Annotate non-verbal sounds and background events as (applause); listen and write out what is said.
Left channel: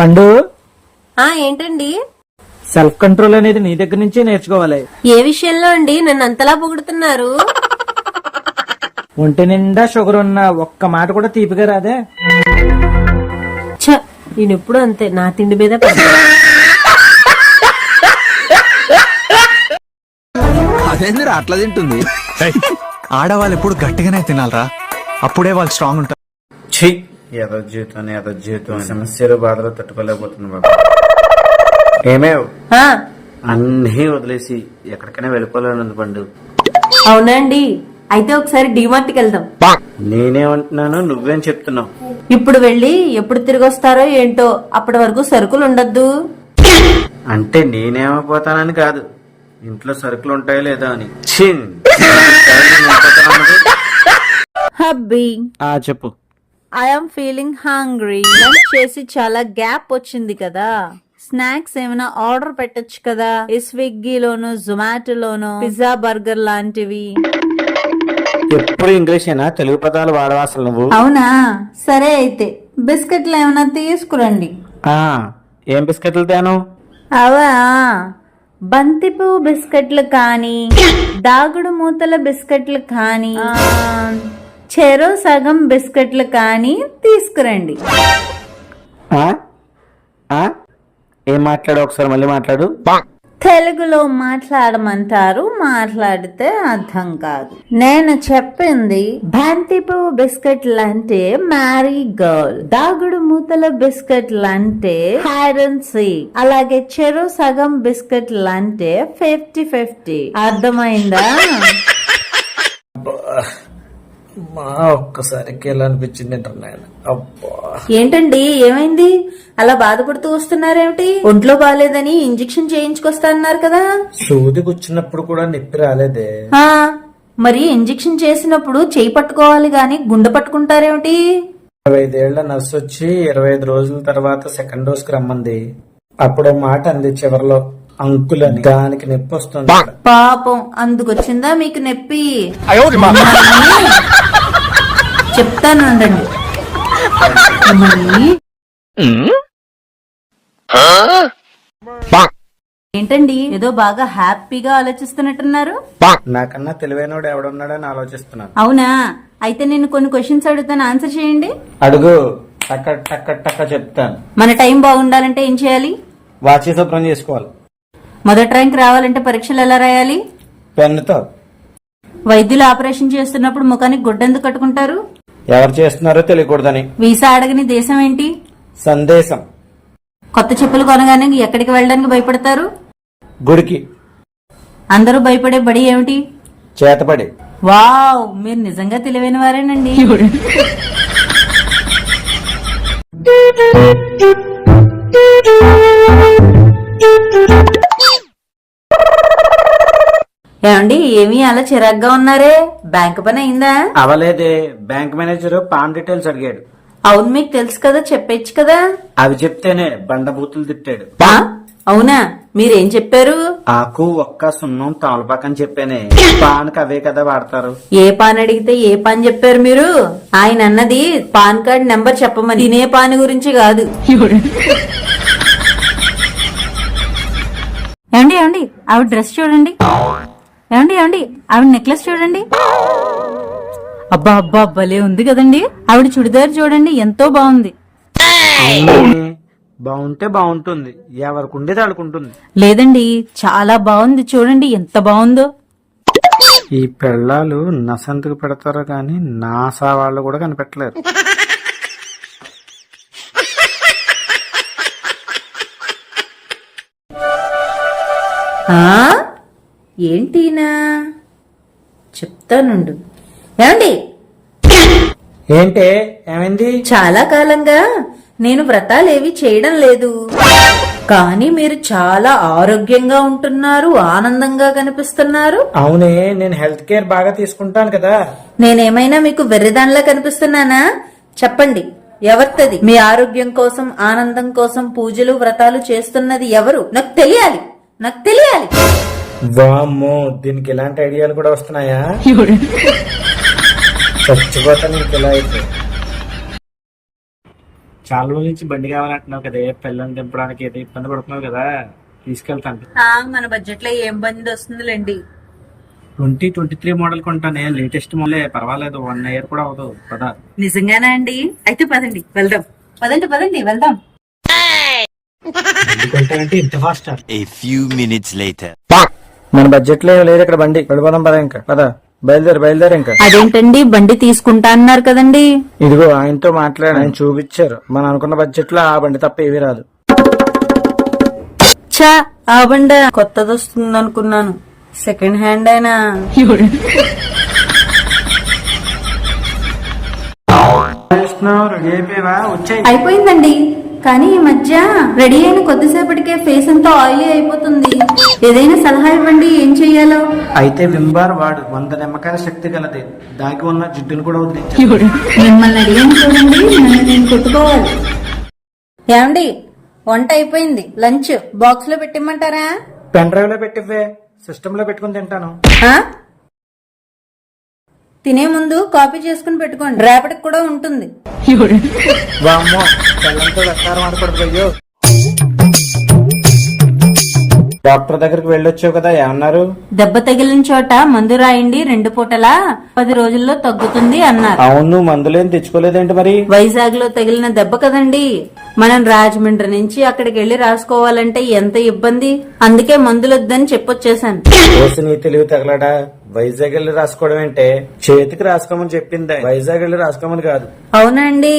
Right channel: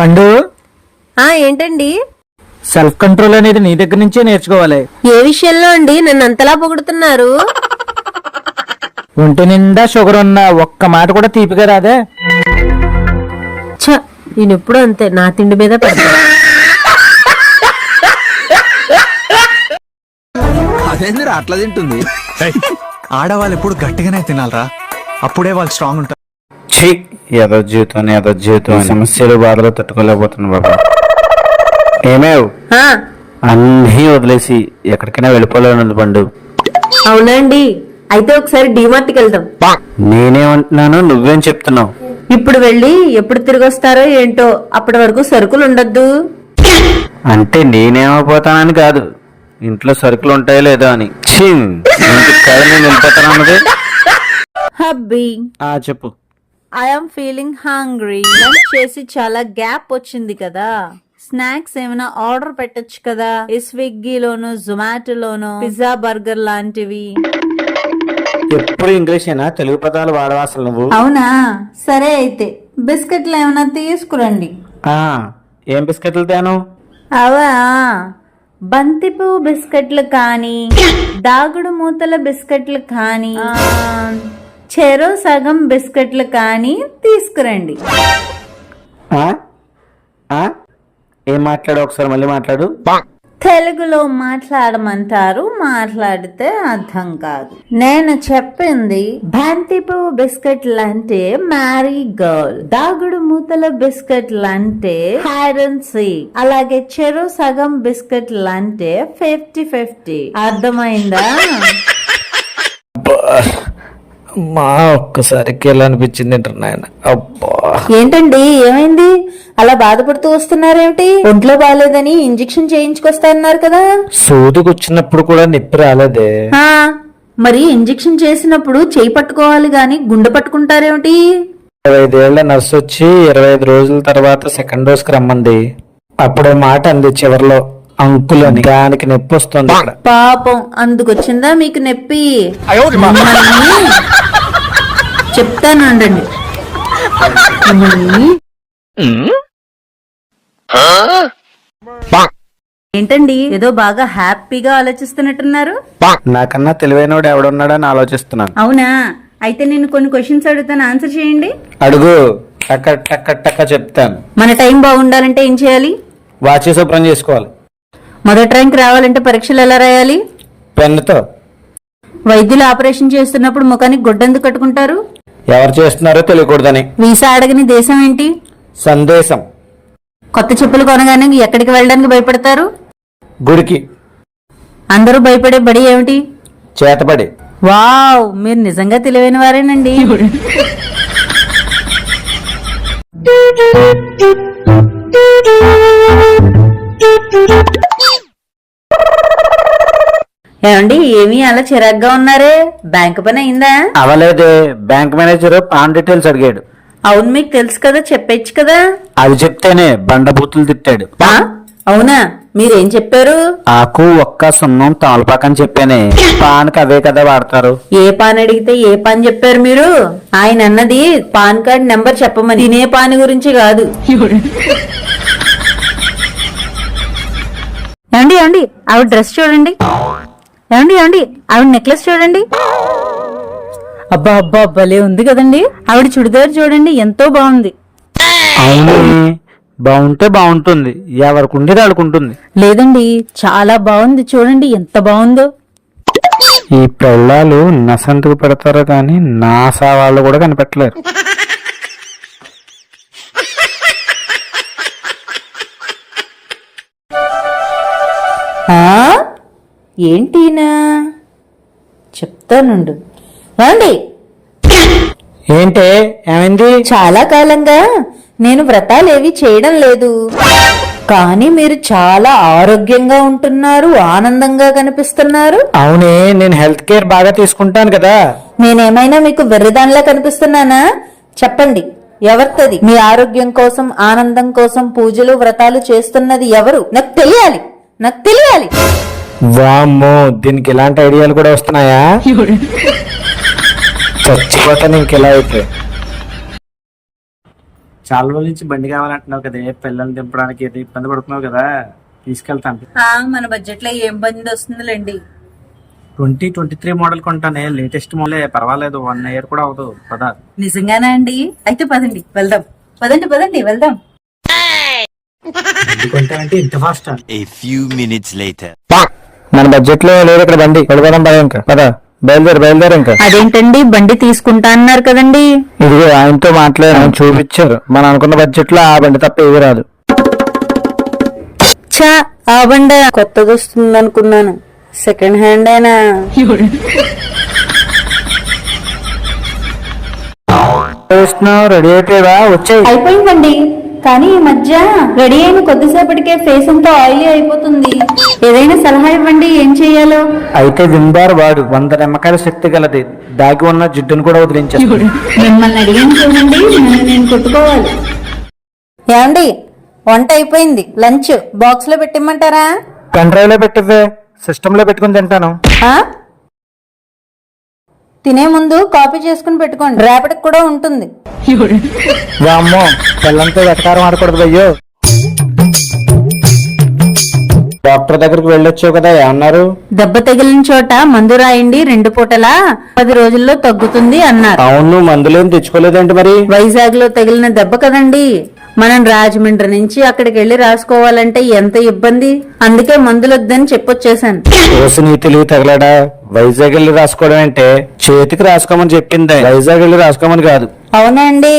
పండు? ఆ ఏంటండి? సెల్ఫ్ కంట్రోల్ అనేది నీ దగ్గర నుంచే నేర్చుకోవాలి. ఏ విషయంలో అండి? నన్ను అంతలా పొగుడుతున్నారు. ఒంటి నిండా షుగర్ ఉన్న ఒక్క మాట కూడా తీపిగా రాదే. ఛ నేను ఎప్పుడు అంతే. నా తిండి మీద పడ్డా. అదేందిరా అట్లా తింటుంది? ఆడవాళ్ళు ఎప్పుడు గట్టిగానే తినాలరా. అప్పుడే వాళ్ళు స్ట్రాంగ్ ఉంటారు. ఛీ ఏదో జీవితం ఏదో జీవితం సమస్యలు బాధలు తట్టుకోలేకపోతున్నా బాబా. ఏమేవ్? అన్నీ వదిలేసి ఎక్కడికైనా వెళ్ళిపోలేను పండు అవునా అండి అయితే ఒకసారి డిమార్ట్కి వెళ్దాం. నేనేమంటున్నాను నువ్వేం చెప్తున్నావు? ఇప్పుడు వెళ్ళి ఎప్పుడు తిరిగి వస్తారో ఏంటో అప్పటి వరకు సరుకులు ఉండద్దు అంటే నేనేమైపోతానని కాదు. ఇంట్లో సరుకులు ఉంటాయో లేదో అని? (laughs) హబ్బీ. ఆ చెప్పు. ఐఎమ్ ఫీలింగ్ హంగ్రీ లంచ్ చేసి చాలా గ్యాప్ వచ్చింది కదా. స్నాక్స్ ఏమైనా ఆర్డర్ పెట్టొచ్చు కదా. ఈ స్విగ్గీలోను జొమాటోలోను పిజ్జా బర్గర్ లాంటివి. ఎప్పుడు ఇంగ్లీషేనా తెలుగు పదాలు వాడవా అసలు నువ్వు? అవునా? సరే అయితే బిస్కెట్లు ఏమైనా తీసుకురండి. ఆ ఏం బిస్కెట్లు తేను? అవా? బంతిపు బిస్కెట్లు కానీ దాగుడు మూతల బిస్కెట్లు కానీ. ఆ, చెరో సగం బిస్కెట్లు కానీ తీసుకురండి. ఆ? ఆ? ఏం మాట్లాడు? ఒకసారి మళ్ళీ మాట్లాడు. తెలుగులో మాట్లాడమంటారు మాట్లాడితే అర్థం కాదు. నేను చెప్పింది బంతిపు బిస్కెట్లు అంటే మ్యారీ గర్ల్. దాగుడు మూతల బిస్కెట్లు అంటే అండ్ సీక్. అలాగే చెరు సగం బిస్కెట్లు అంటే ఫిఫ్టీ ఫిఫ్టీ. అర్థమైందా? మా ఒక్కసారికి ఎలా అనిపించింది నాయన? అబ్బా. ఏంటండి ఏమైంది? అలా బాధపడుతూ వస్తున్నారేమిటి? ఒంట్లో బాగాలేదని ఇంజెక్షన్ చేయించుకొస్తా అన్నారు కదా. సూదికి వచ్చినప్పుడు కూడా నొప్పి రాలేదే. ఆ, మరి ఇంజెక్షన్ చేసినప్పుడు చేయి పట్టుకోవాలి గాని గుండె పట్టుకుంటారేమిటి? ఇరవై ఐదేళ్ళ నర్సు వచ్చి ఇరవై ఐదు రోజుల తర్వాత సెకండ్ డోస్కి రమ్మంది. అప్పుడు మాట అంది చివరిలో. అంకుల్ అని దానికి నొప్పి వస్తుంది. పాపం అందుకొచ్చిందా మీకు నొప్పి? మిమ్మల్ని ఏంటండి ఏదో బాగా హ్యాపీగా ఆలోచిస్తున్నట్టున్నారు? నాకన్నా తెలివైనవాడు ఎవడున్నాడని ఆలోచిస్తున్నాను. అవునా? అయితే నేను కొన్ని క్వశ్చన్స్ అడుగుతాను. ఆన్సర్ చేయండి. అడుగు. టక్క టక్క టక్క చెప్తాను. మన టైం బాగుండాలంటే ఏం చేయాలి? వాచి శుభ్రం చేసుకోవాలి. మొదటి ర్యాంక్ రావాలంటే పరీక్షలు ఎలా రాయాలి? పెన్నుతో. వైద్యులు ఆపరేషన్ చేస్తున్నప్పుడు ముఖానికి గుడ్డందుకు కట్టుకుంటారు? ఎవరు చేస్తున్నారో తెలియకూడదని. వీసా అడగని దేశం ఏంటి? సందేశం. కొత్త చెప్పులు కొనగానే ఎక్కడికి వెళ్ళడానికి భయపడతారు? గుడికి. అందరూ భయపడే బడి ఏమిటి? చేతబడి. వావ్ మీరు నిజంగా తెలివైన వారేనండి. (laughs) (laughs) ఏమండి ఏమీ అలా చిరాగ్గా ఉన్నారే? బ్యాంక్ పని అయిందా? అవలేదే బ్యాంక్ మేనేజర్ పాన్ డీటెయిల్స్ అడిగాడు. అవును మీకు తెలుసు కదా చెప్పచ్చు కదా? అవి చెప్తేనే బండబూతులు తిట్టాడు. ఆ? అవునా? మీరేం చెప్పారు? ఆకు ఒక్క సున్నం తాళపాకని చెప్పానే. పాన్కి అవే కదా వాడతారు. ఏ పాన్ అడిగితే ఏ పాన్ చెప్పారు మీరు? ఆయన అన్నది పాన్ కార్డ్ నెంబర్ చెప్పమని. తినే పాన్ గురించి కాదు. ఏమండి ఏమండి ఆవిడ డ్రెస్ చూడండి. ఏమండి ఏమండి? ఆవిడ నెక్లెస్ చూడండి. అబ్బా అబ్బా భలే ఉంది కదండి. ఆవిడ చుడిదార్ చూడండి ఎంతో బాగుంది. బాగుంటే బాగుంటుంది ఎవరికి ఉండేది ఆడుకుంటుంది లేదండి చాలా బాగుంది చూడండి ఎంత బాగుందో. ఈ పెళ్ళాలు నసంతుకు పెడతారో కానీ నాసా వాళ్ళు కూడా కనిపెట్టలేరు. ఆ? ఏంటీనా? చెప్తానుండు. ఏమండి? ఏంటే? ఏమైంది? చాలా కాలంగా నేను వ్రతాలేవి చేయడం లేదు. కానీ మీరు చాలా ఆరోగ్యంగా ఉంటున్నారు ఆనందంగా కనిపిస్తున్నారు. అవునే నేను హెల్త్ కేర్ బాగా తీసుకుంటాను కదా. నేనేమైనా మీకు వెర్రిదానిలా కనిపిస్తున్నానా? చెప్పండి ఎవరితది? మీ ఆరోగ్యం కోసం ఆనందం కోసం పూజలు వ్రతాలు చేస్తున్నది ఎవరు? నాకు తెలియాలి నాకు తెలియాలి. వామ్మో దీనికి ఇలాంటి ఐడియాలు కూడా వస్తున్నాయా? చచ్చిపోతా నీకు ఇలా అయితే. చాలా రోజుల నుంచి బండి కావాలంటున్నావు కదా పిల్లల్ని దింపడానికి ఏదో ఇబ్బంది పడుతున్నావు కదా తీసుకెళ్తాను ఆ, మన బడ్జెట్లో ఏం బండి వస్తుందిలేండి. ట్వంటీ ట్వంటీ త్రీ మోడల్ కొంటానే లేటెస్ట్ మోడలే పర్వాలేదు వన్ ఇయర్ కూడా అవదు పదా. నిజంగానా అండి? అయితే పదండి వెళ్దాం. పదండి పదండి వెళ్దాం. ఇంత fast A few minutes later. మన బడ్జెట్లో లేదు ఇక్కడ బండి. వెళ్ళిపోదాం పద ఇంకా. పద. బయలుదేరు బయలుదేరు ఇంకా. అదేంటండి? బండి తీసుకుంటా అన్నారు కదండి. ఇదిగో ఆయనతో మాట్లాడి ఆయన చూపించారు. మనం అనుకున్న బడ్జెట్లో ఆ బండి తప్ప ఏది రాదు. చా ఆ బండి. కొత్తది వస్తుంది అనుకున్నాను. సెకండ్ హ్యాండ్ అయినా రెడీ అయిపోయావా వచ్చాయి. అయిపోయిందండి. కానీ ఈ మధ్య రెడీ అయిన కొద్దిసేపటికే ఫేస్ అంతా ఆయిల్ అయిపోతుంది. ఏదైనా సలహా ఇవ్వండి ఏం చెయ్యాలో అయితే విందారు వాడు వంద నిమ్మకాయల శక్తి గలది. దాగి ఉన్న జిడ్డును కూడా వదిలించారు మిమ్మల్ని అడిగాను చూడండి నేను నేను కొట్టుకోవాలి? ఏమండి వంట అయిపోయింది. లంచ్ బాక్స్లో పెట్టిమ్మంటారా? పెన్ డ్రైవ్లో పెట్టివే సిస్టమ్లో పెట్టుకుని తింటాను? తినే ముందు కాపీ చేసుకుని పెట్టుకోండి. రేపటికి కూడా ఉంటుంది. డాక్టర్ దగ్గరికి వెళ్ళొచ్చావు కదా ఏమన్నారు? దెబ్బ తగిలిన చోట మందు రాయండి రెండు పూటలా పది రోజుల్లో తగ్గుతుంది అన్నారు. అవును మందులేం తెచ్చుకోలేదండి మరి? వైజాగ్లో తగిలిన దెబ్బ కదండి. మనం రాజమండ్రి నుంచి అక్కడికి వెళ్ళి రాసుకోవాలంటే ఎంత ఇబ్బంది. అందుకే మందులొద్దని చెప్పొచ్చేసాను తెలివి తగలడా? వైజాగ్ వెళ్ళి రాసుకోవడం అంటే చేతికి రాసుకోమని చెప్పింది వైజాగ్ వెళ్ళి రాసుకోమని కాదు. అవునా అండి